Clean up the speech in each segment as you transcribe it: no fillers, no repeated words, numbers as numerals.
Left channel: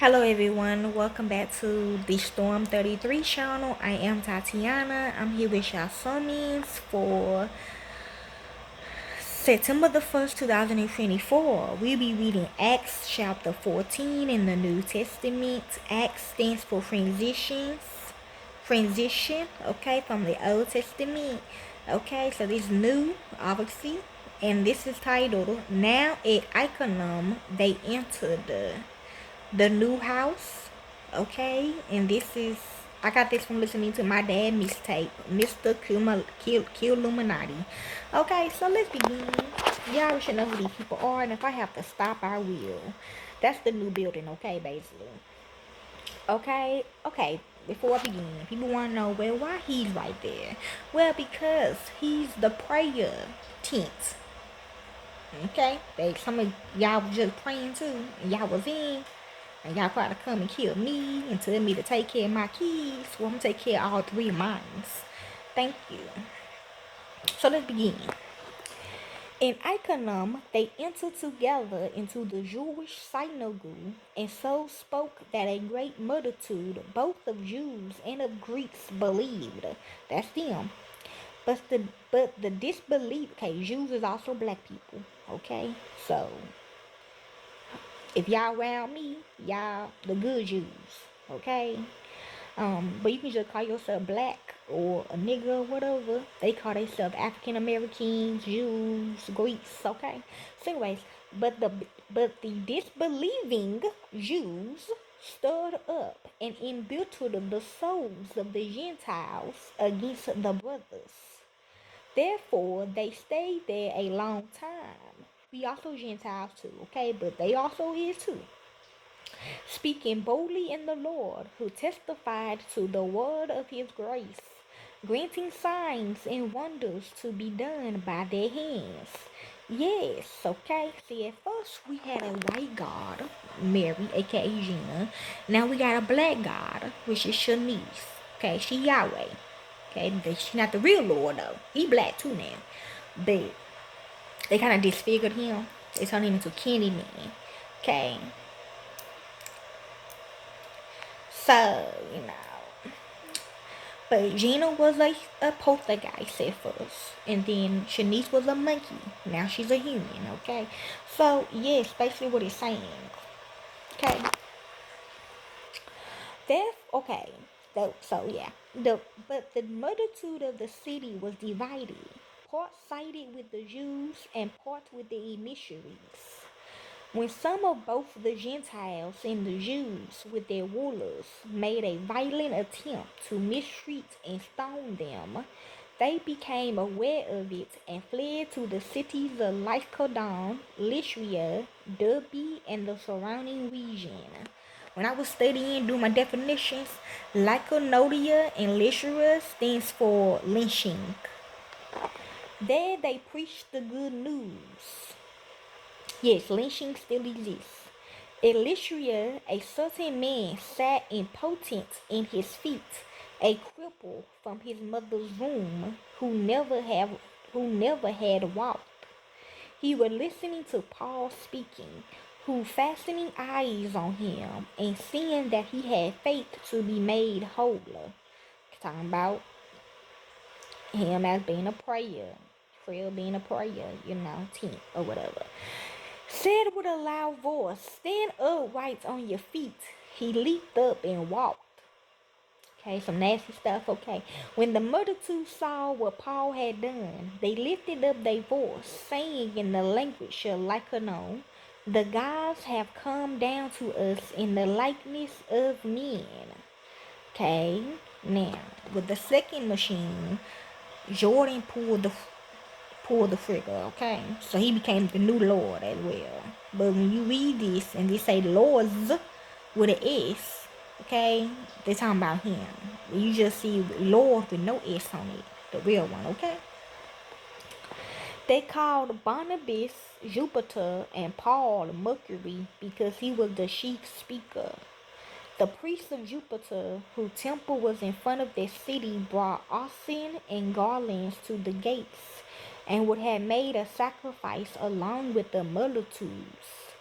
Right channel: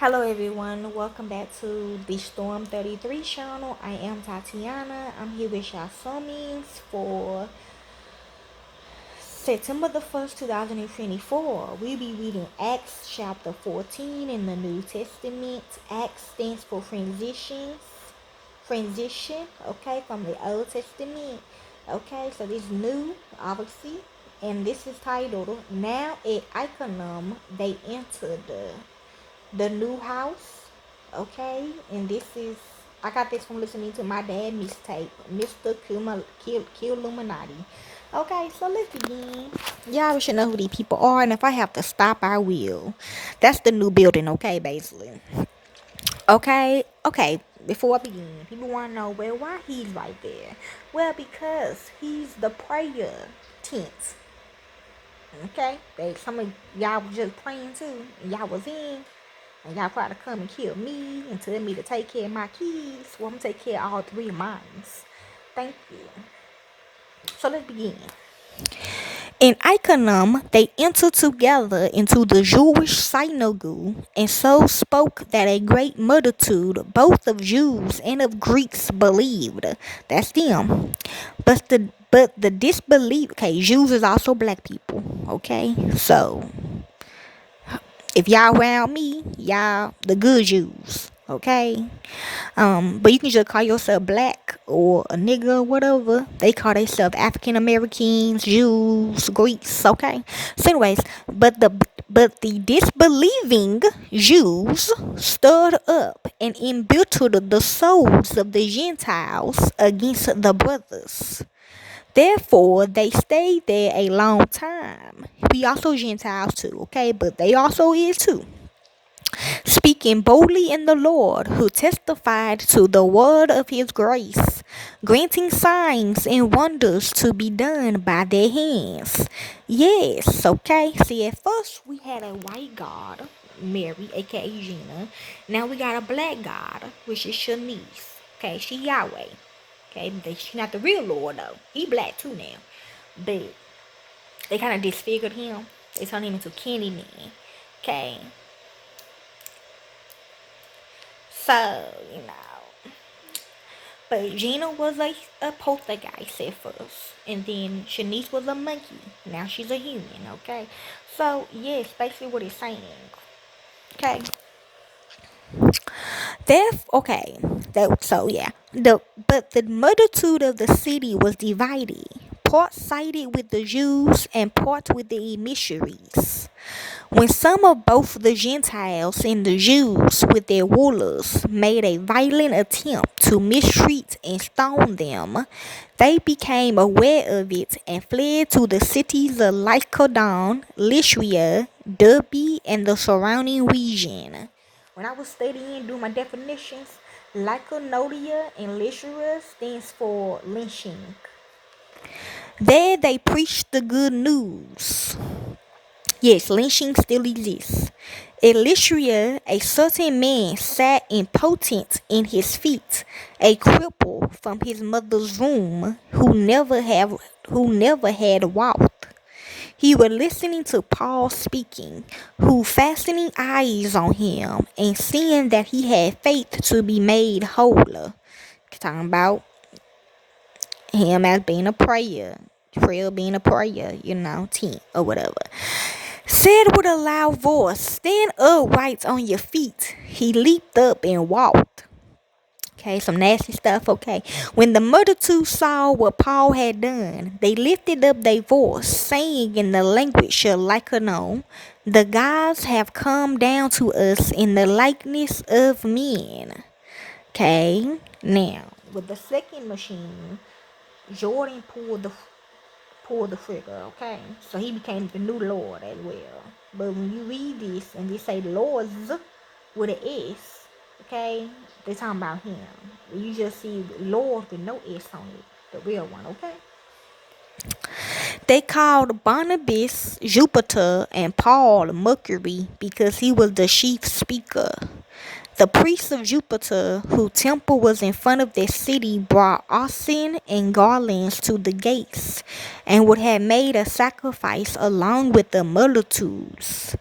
Hello everyone, welcome back to the Storm 33 channel. I am Tatiana. I'm here with y'all summons for September the 1st, 2024. We'll be reading Acts chapter 14 in the New Testament. Acts stands for transition, okay, from the Old Testament. Okay, so this new, obviously, and this is titled, Now at Iconium they entered the new house, okay? And this is, I got this from listening to my dad mixtape, Mr. Illuminati. Okay, so let's begin. Y'all should know who these people are, and if I have to stop, I will. That's the new building, okay, basically. Okay. Before I begin, people want to know, well, why he's right there? Well, because he's the prayer tent. Okay, some of y'all was just praying too, and y'all was in. And y'all try to come and kill me and tell me to take care of my kids. Well, I'm going to take care of all three of mine. Thank you. So let's begin. In Iconium, they entered together into the Jewish synagogue, and so spoke that a great multitude, both of Jews and of Greeks, believed. That's them. But the disbelief. Okay, Jews is also black people. Okay, so if y'all around me, y'all the good Jews, okay? But you can just call yourself black or a nigga or whatever. They call themselves African Americans, Jews, Greeks, okay? So anyways, but the disbelieving Jews stirred up and embittered the souls of the Gentiles against the brothers. Therefore, they stayed there a long time. We also Gentiles too, okay? But they also is too. Speaking boldly in the Lord, who testified to the word of his grace, granting signs and wonders to be done by their hands. Yes, okay? See, at first we had a white God, Mary, aka Gina. Now we got a black God, which is Shanice. Okay, she Yahweh. Okay, she's not the real Lord though. He black too now. But they kind of disfigured him. They turned him into Candyman. Okay. So, But Gina was a poltergeist at first. And then Shanice was a monkey. Now she's a human, okay? So, yes, basically what it's saying. Okay. Okay. So yeah. But the multitude of the city was divided. Part sided with the Jews and part with the missionaries. When some of both the Gentiles and the Jews with their rulers made a violent attempt to mistreat and stone them, they became aware of it and fled to the cities of Lycaon, Lycia, Derbe, and the surrounding region. When I was studying, doing my definitions, Lycaonia and Lycia stands for lynching. There they preached the good news. Yes, lynching still exists. At Lycia, a certain man sat impotent in his feet, a cripple from his mother's womb, who never had walked. He was listening to Paul speaking, who fastening eyes on him and seeing that he had faith to be made whole. Talking about him as being a prayer being a prayer, tent or whatever. Said with a loud voice, "Stand upright on your feet." He leaped up and walked. Okay, some nasty stuff, okay. When the multitude saw what Paul had done, they lifted up their voice, saying in the language of Lycaonia, "The gods have come down to us in the likeness of men." Okay, now, with the second machine, Jordan pulled the trigger, okay? So he became the new Lord as well. But when you read this and they say Lords with an S, okay, they're talking about him. You just see Lord with no S on it, the real one, okay? They called Barnabas Jupiter and Paul Mercury because he was the chief speaker. The priests of Jupiter, whose temple was in front of their city, brought oxen and garlands to the gates, and would have made a sacrifice along with the multitudes.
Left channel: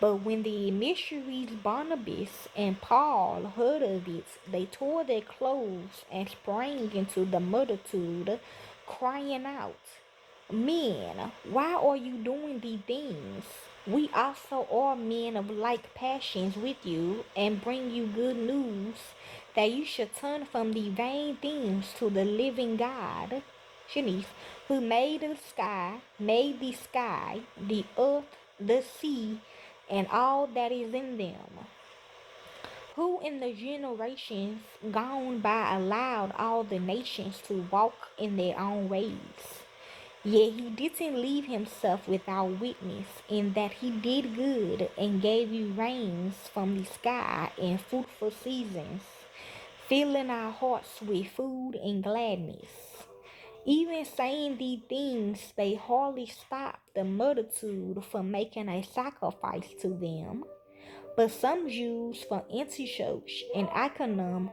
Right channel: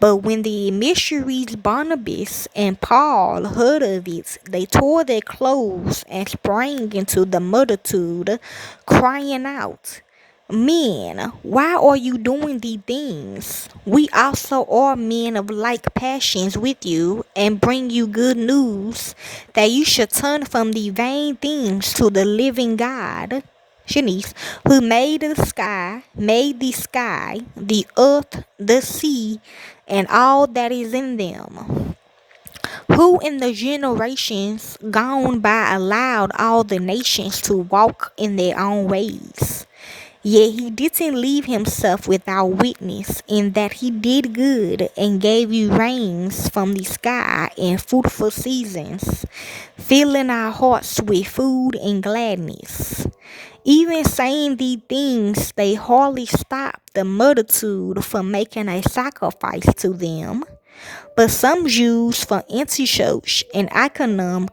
But when the missionaries Barnabas and Paul heard of it, they tore their clothes and sprang into the multitude, crying out, Men, why are you doing these things? We also are men of like passions with you, and bring you good news that you should turn from the vain things to the living God. Shanice, who made the sky, the earth, the sea, and all that is in them, who in the generations gone by allowed all the nations to walk in their own ways. Yet he didn't leave himself without witness, in that he did good and gave you rains from the sky and fruitful seasons, filling our hearts with food and gladness. Even saying these things, they hardly stopped the multitude from making a sacrifice to them. But some Jews from Antioch and Iconium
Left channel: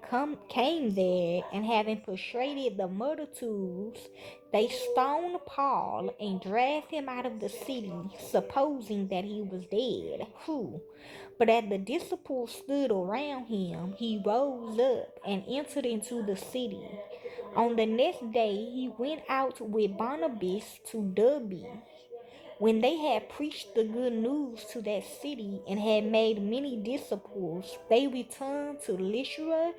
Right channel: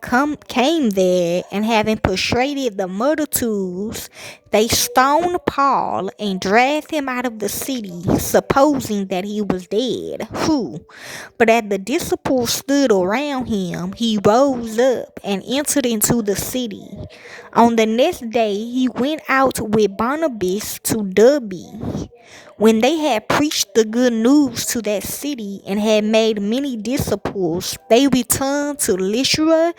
came there, and having persuaded the multitudes, they stoned Paul and dragged him out of the city, supposing that he was dead. But as the disciples stood around him, he rose up and entered into the city. On the next day, he went out with Barnabas to Derbe. When they had preached the good news to that city and had made many disciples, they returned to Lystra,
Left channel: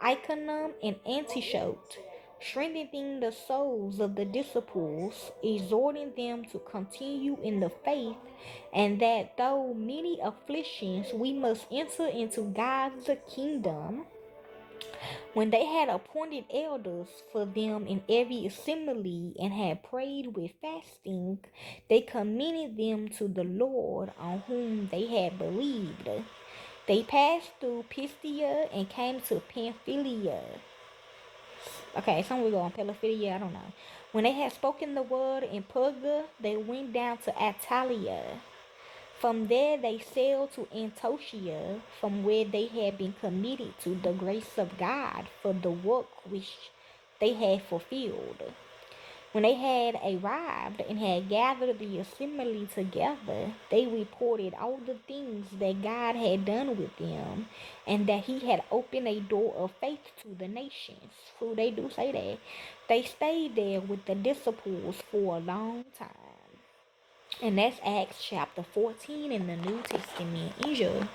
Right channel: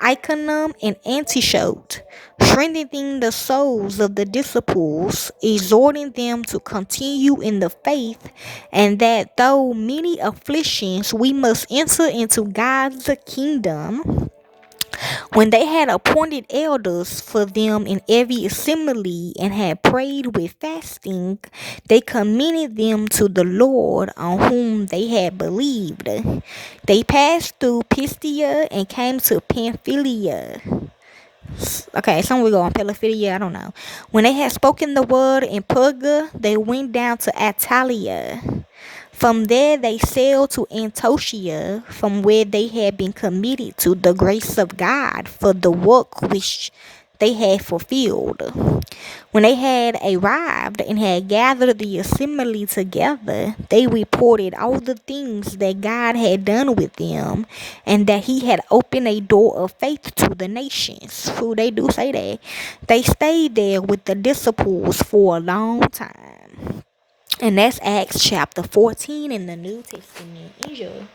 Iconium, and Antioch, strengthening the souls of the disciples, exhorting them to continue in the faith, and that though many afflictions we must enter into God's kingdom. When they had appointed elders for them in every assembly, and had prayed with fasting, they commended them to the Lord on whom they had believed. They passed through Pisidia and came to Pamphylia. Okay, some we go on Pamphylia, I don't know. When they had spoken the word in Perga, they went down to Attalia. From there they sailed to Antiochia, from where they had been committed to the grace of God for the work which they had fulfilled. When they had arrived and had gathered the assembly together, they reported all the things that God had done with them, and that he had opened a door of faith to the nations. So they do say that. They stayed there with the disciples for a long time. And that's Acts chapter 14 in the New Testament. Enjoy.